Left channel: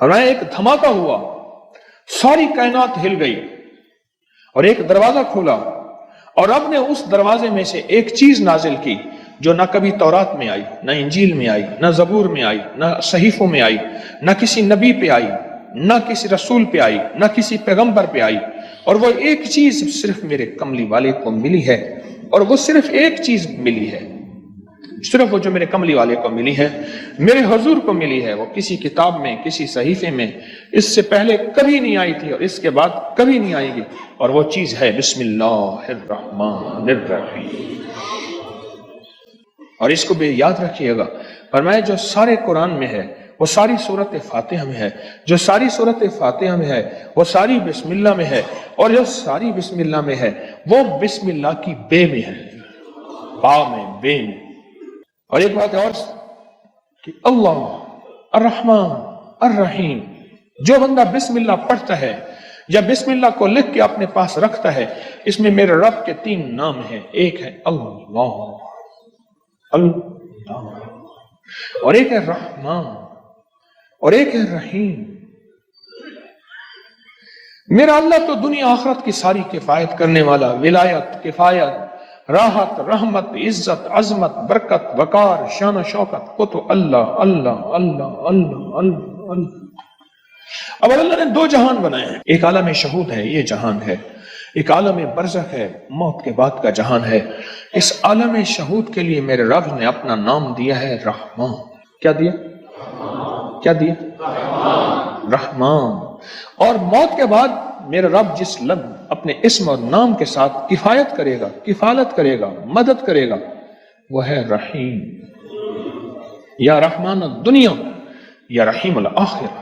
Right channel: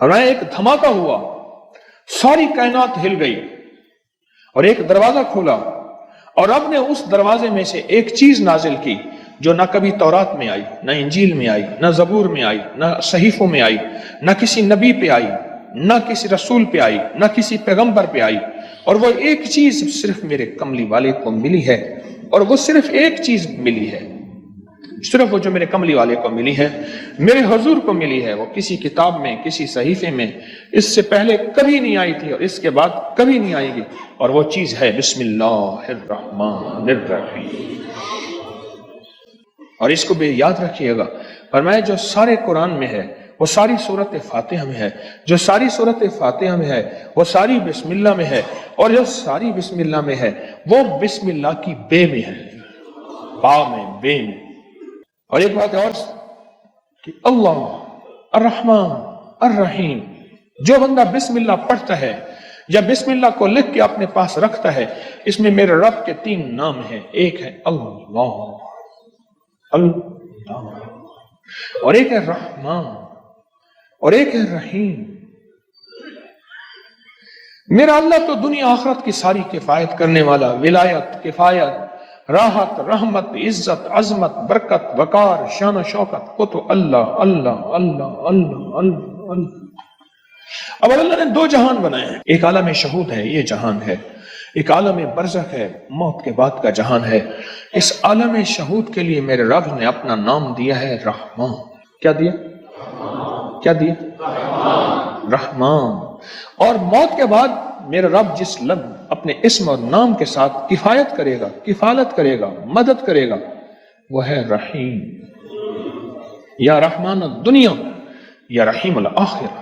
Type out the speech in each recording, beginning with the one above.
اور ایک دھماکہ ہوا، ساری کائنات ہل گئی اور ایک دروازہ کھولا، اور رب نے اس دروازے میں سے ایک چیز نازل کی جو نہ کبھی تورات میں آئی، نہ انجیل میں آئی، نہ زبور میں آئی، نہ صحیفوں میں آئی، نہ کسی نبی پہ آئی، نہ کسی رسول پہ آئی، نہ کسی پیغمبر پہ آئی، اور وہ ایک چیز صرف میرے کملی والے کو ملی ہے، اور وہ صرف ایک چیز ملی ہے، صرف وہ جو میرے کملی والے کو ملی ہے، میرے حضور کو ملی ہے، وہ کسی کتاب میں، کسی صحیفے میں اس سے پہلے کبھی نہیں آئی تھی اور اس کے بعد کبھی نہیں آئے گی، اور وہ چیز ہے بسم اللہ الرحمن الرحیم۔ اور اس کو بھی یاد رکھیے گا، فرمایا جو سارے قرآن میں ہے وہ ساری سورت فاتحہ میں ہے، جو ساری سورت فاتحہ میں ہے وہ ساری بسم اللہ میں ہے، اور جو ساری بسم اللہ میں ہے وہ بسم اللہ کی بے میں ہے، با میں، بے میں۔ اور ایک بات اور کہ اللہ الرحمن الرحیم، جو بندہ بسم اللہ پڑھتا ہے یا بسم اللہ کو لکھ کے اپنے پاس رکھتا ہے، اس میں میرے رب کے 3 نام ہیں، ایک ہے اللہ، اور ایک ہے رحمان، اور ایک ہے رحیم۔ میرا اللہ تو دنیا آخرت کی ساری کفایت کرنے والا، ولایت، کفایت، راحت، رحمت، عزت، عظمت، برکت، وقار، شان و شوکت، وہ تو اللہ اللہ اللہ اللہ اللہ اللہ۔ اب اللہ نے 2 جہان بنائے ہیں، ایک عالم شہود ہے، یہ جہان ہے، ایک عالم برزخ ہے، موت کے بعد کا جہان ہے۔ اس عالم شہود کے لیے میرے رب نے اپنا نام دیا ہے رحمان۔ کیا دیا؟ کیا دیا؟ رحمان۔ اور موت کے بعد میرا رب جس لفظ اپنے اسم اور نام کے ساتھ کفایت کرے گا، کفالت کرے گا، مدد کرے گا، وہ ہے رحیم۔ یا رحمان الدنیا یا رحیم الآخرہ۔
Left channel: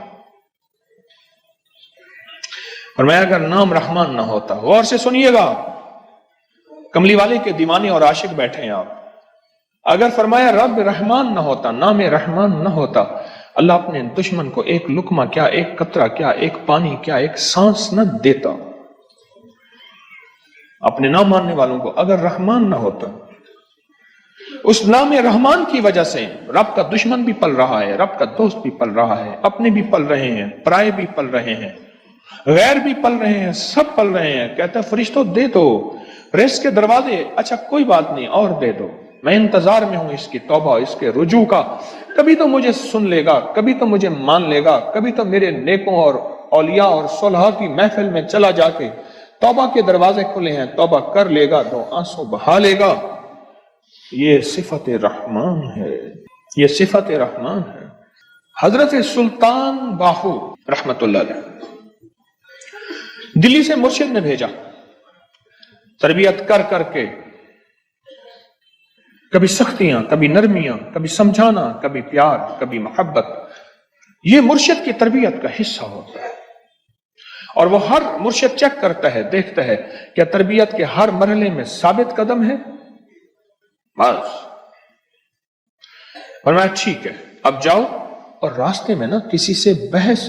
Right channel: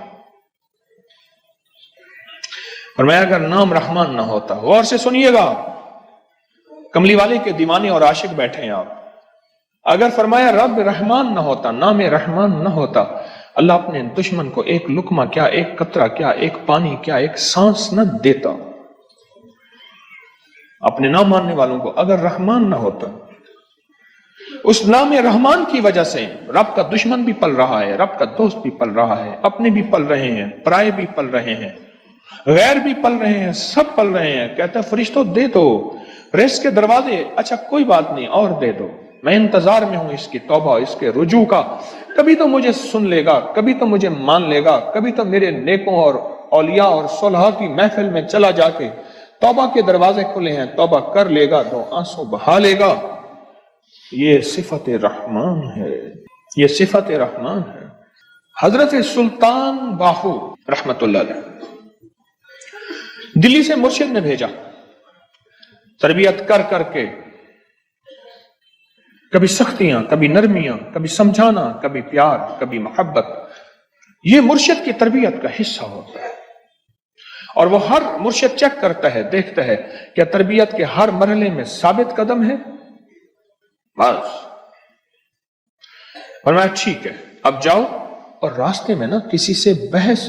فرمایا اگر نام رحمان نہ ہوتا، غور سے سنیے گا، کملی والے کے دیوانے اور عاشق بیٹھے ہیں آپ، اگر فرمایا رب رحمان نہ ہوتا، نام رحمان نہ ہوتا، اللہ اپنے دشمن کو ایک لقمہ کیا، ایک قطرہ کیا، ایک پانی کیا، ایک سانس نہ دیتا۔ اپنے نہ ماننے والوں کو اگر رحمان نہ ہوتا، اس نام رحمان کی وجہ سے رب کا دشمن بھی پل رہا ہے، رب کا دوست بھی پل رہا ہے، اپنے بھی پل رہے ہیں، پرائے بھی پل رہے ہیں، غیر بھی پل رہے ہیں، سب پل رہے ہیں۔ کہتا ہے فرشتوں دے دو رزق کے دروازے، اچھا کوئی بات نہیں اور دے دو، میں انتظار میں ہوں اس کی توبہ، اس کے رجوع کا، کبھی تو مجھے سن لے گا، کبھی تو مجھے مان لے گا، کبھی تو میرے نیکوں اور اولیاء اور صلحاء کی محفل میں چلا جا کے توبہ کے دروازے کھلے ہیں، توبہ کر لے گا، آنسو بہا لے گا۔ یہ صفت رحمان ہے، یہ صفت رحمان ہے۔ حضرت سلطان باہو رحمت اللہ علیہ دلی سے مرشد نے بھیجا، تربیت کر کر کے، کبھی سختیاں، کبھی نرمیاں، کبھی سمجھانا، کبھی پیار، کبھی محبت، یہ مرشد کی تربیت کا حصہ ہوتا ہے۔ اور وہ ہر مرشد چیک کرتا ہے، دیکھتا ہے کہ تربیت کے ہر مرحلے میں ثابت قدم ہے، بس فرمایا ٹھیک ہے اب جاؤ، اور راستے میں نا کسی سے بحث،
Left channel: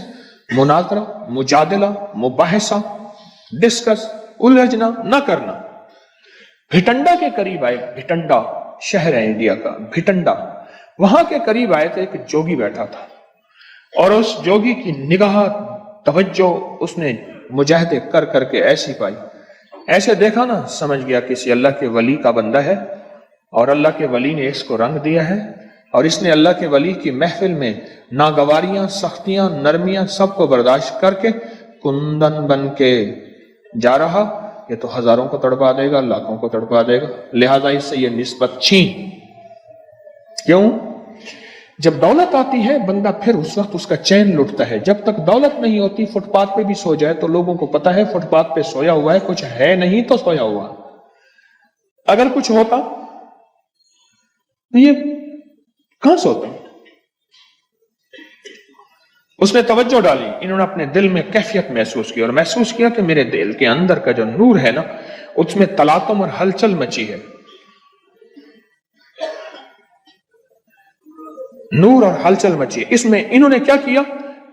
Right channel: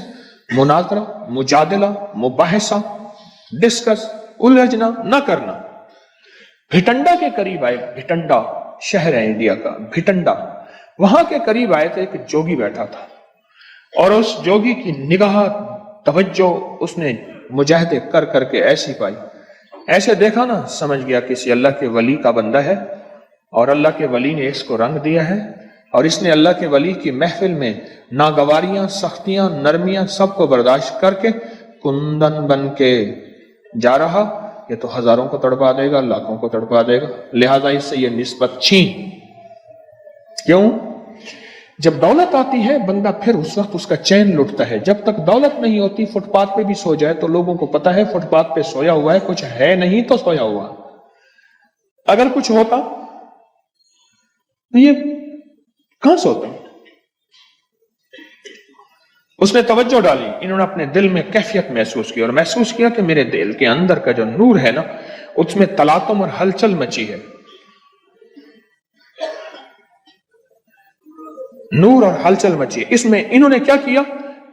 مناظرہ، مجادلہ، مباحثہ، ڈسکس، الجھنا نہ کرنا۔ بھٹنڈا کے قریب آئے، بھٹنڈا شہر ہے انڈیا کا، بھٹنڈا، وہاں کے قریب آئے تھے کہ جوگی بیٹھا تھا، اور اس جوگی کی نگاہ، توجہ اس نے مجاہدے کر کر کے ایسی پائی، ایسے دیکھا نا سمجھ گیا کسی اللہ کے ولی کا بندہ ہے، اور اللہ کے ولی نے اس کو رنگ دیا ہے، اور اس نے اللہ کے ولی کی محفل میں ناگواریاں، سختیاں، نرمیاں سب کو برداشت کر کے کندن بن کے جا رہا، یہ تو ہزاروں کو تڑپا دے گا، لاکھوں کو تڑپا دے گا، لہذا اس سے یہ نسبت چھین۔ کیوں؟ جب دولت آتی ہے بندہ پھر اس وقت اس کا چین لٹتا ہے، جب تک دولت نہیں ہوتی فٹ پاتھ پہ بھی سو جائے تو لوگوں کو پتا ہے فٹ پاتھ پہ سویا ہوا ہے، کچھ ہے نہیں تو سویا ہوا ہے۔ اگر کچھ ہوتا تو یہ کہاں سوتا؟ اس نے توجہ ڈالی، انہوں نے اپنے دل میں کیفیت محسوس کی، اور محسوس کیا کہ میرے دل کے اندر کا جو نور ہے نا، اس میں تلاطم اور ہلچل مچی ہے، نور اور ہلچل مچی۔ اس میں انہوں نے کیا کیا؟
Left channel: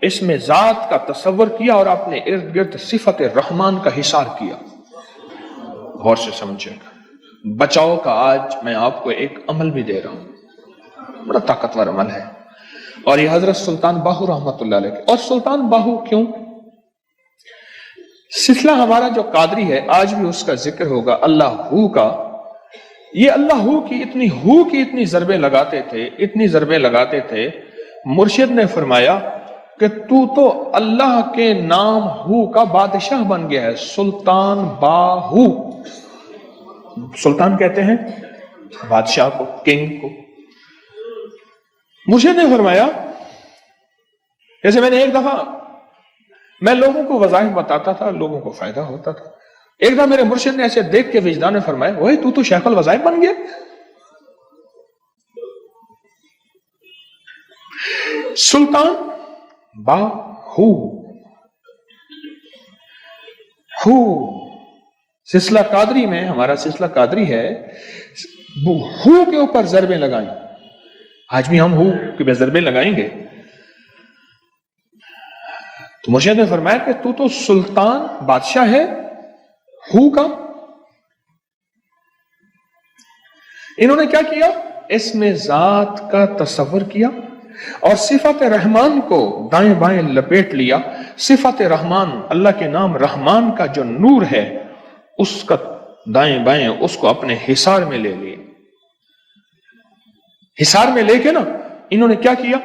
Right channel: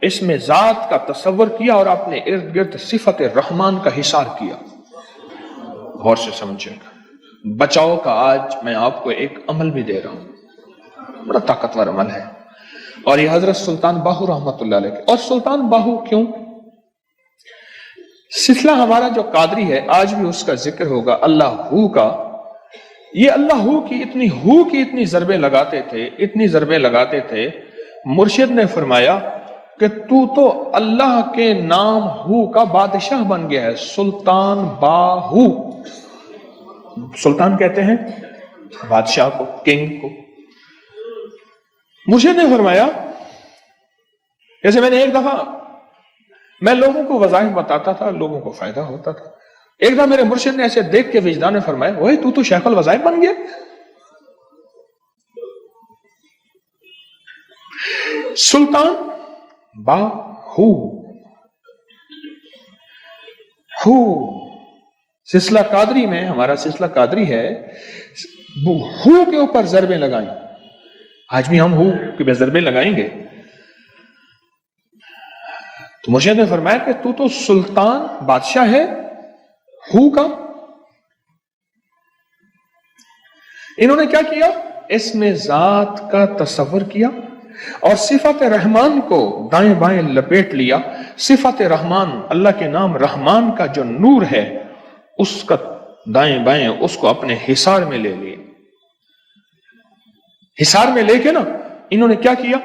اس میں ذات کا تصور کیا اور اپنے ارد گرد صفت رحمان کا حصار کیا۔ غور سے سمجھے گا، بچاؤ کا آج میں آپ کو ایک عمل بھی دے رہا ہوں، بڑا طاقتور عمل ہے۔ اور یہ حضرت سلطان باہو رحمت اللہ علیہ. اور سلطان باہو کیوں؟ سلسلہ ہمارا جو قادری ہے آج بھی اس کا ذکر ہوگا اللہ ہو کا. یہ اللہ ہو کی اتنی ضربیں لگاتے تھے مرشد نے فرمایا کہ تو اللہ کے نام ہو کا بادشاہ بن گیا ہے. سلطان باہو، سلطان کہتے ہیں بادشاہ کو، کنگ کو. مرشد نے فرمایا جیسے میں نے ایک دفعہ میں لوگوں کو وظائف بتاتا تھا، لوگوں کو فائدہ ہوتا تھا. ایک دفعہ میرے مرشد نے ایسے دیکھ کے وجدان نے فرمایا وہی تو شیخ الوظائف بن گیا. سلطان باہو ہو. سلسلہ قادری میں، ہمارا سلسلہ قادری ہے، ہو کے اوپر ضربیں لگائیں. آج بھی ہم ہو کے ضربیں لگائیں گے. تو مرشد نے فرمایا کہ تو سلطان بادشاہ ہے ہو کا. انہوں نے کیا کیا؟ اس میں ذات کا تصور کیا اور صفت رحمان کو دائیں بائیں لپیٹ لیا. صفت رحمان، اللہ کے نام رحمان کا جو نور ہے اس کا دائیں بائیں اس کو اپنے حصار میں لے لیا. حصار میں لے کے نا انہوں نے کیا کیا؟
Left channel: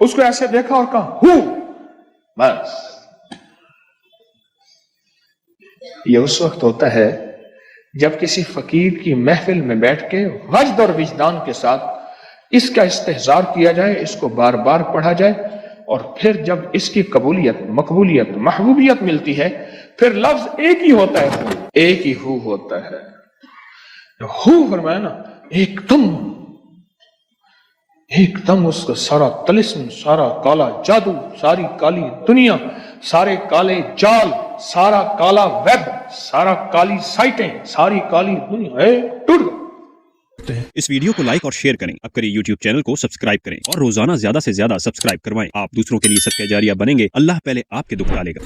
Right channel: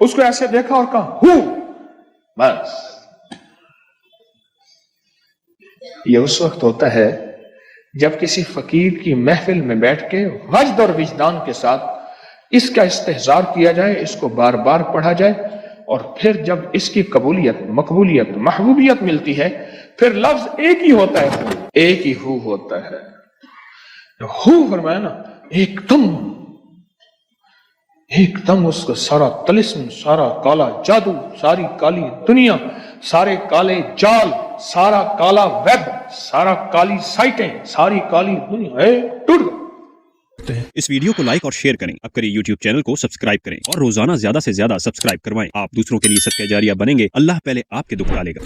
اس کو ایسے دیکھا اور کہا ہو. بس یہ اس وقت ہوتا ہے جب کسی فقیر کی محفل میں بیٹھ کے وجد اور وجدان کے ساتھ اس کا استحضار کیا جائے، اس کو بار بار پڑھا جائے، اور پھر جب اس کی قبولیت، مقبولیت، محبوبیت ملتی ہے پھر لفظ ایک ہی ہوتا ہے، ایک ہی ہو ہوتا ہے. ہو فرمایا نا ایک دم اس کو سارا طلسم، سارا کالا جادو، ساری کالی دنیا، سارے کالے جال، سارا کالا ویب، سارا کالی سائٹیں، ساری کالی دنیا ٹوٹ. اس ویڈیو کو لائک اور شیئر کریں. اب کریں یوٹیوب چینل کو سبسکرائب کریں اور روزانہ زیادہ سے زیادہ سبسکرائب کروائیں. آپ دوسروں کے لیے صدقہ جاریہ بنیں گے. اللہ پہلے آپ کے دکھ ڈالے گا.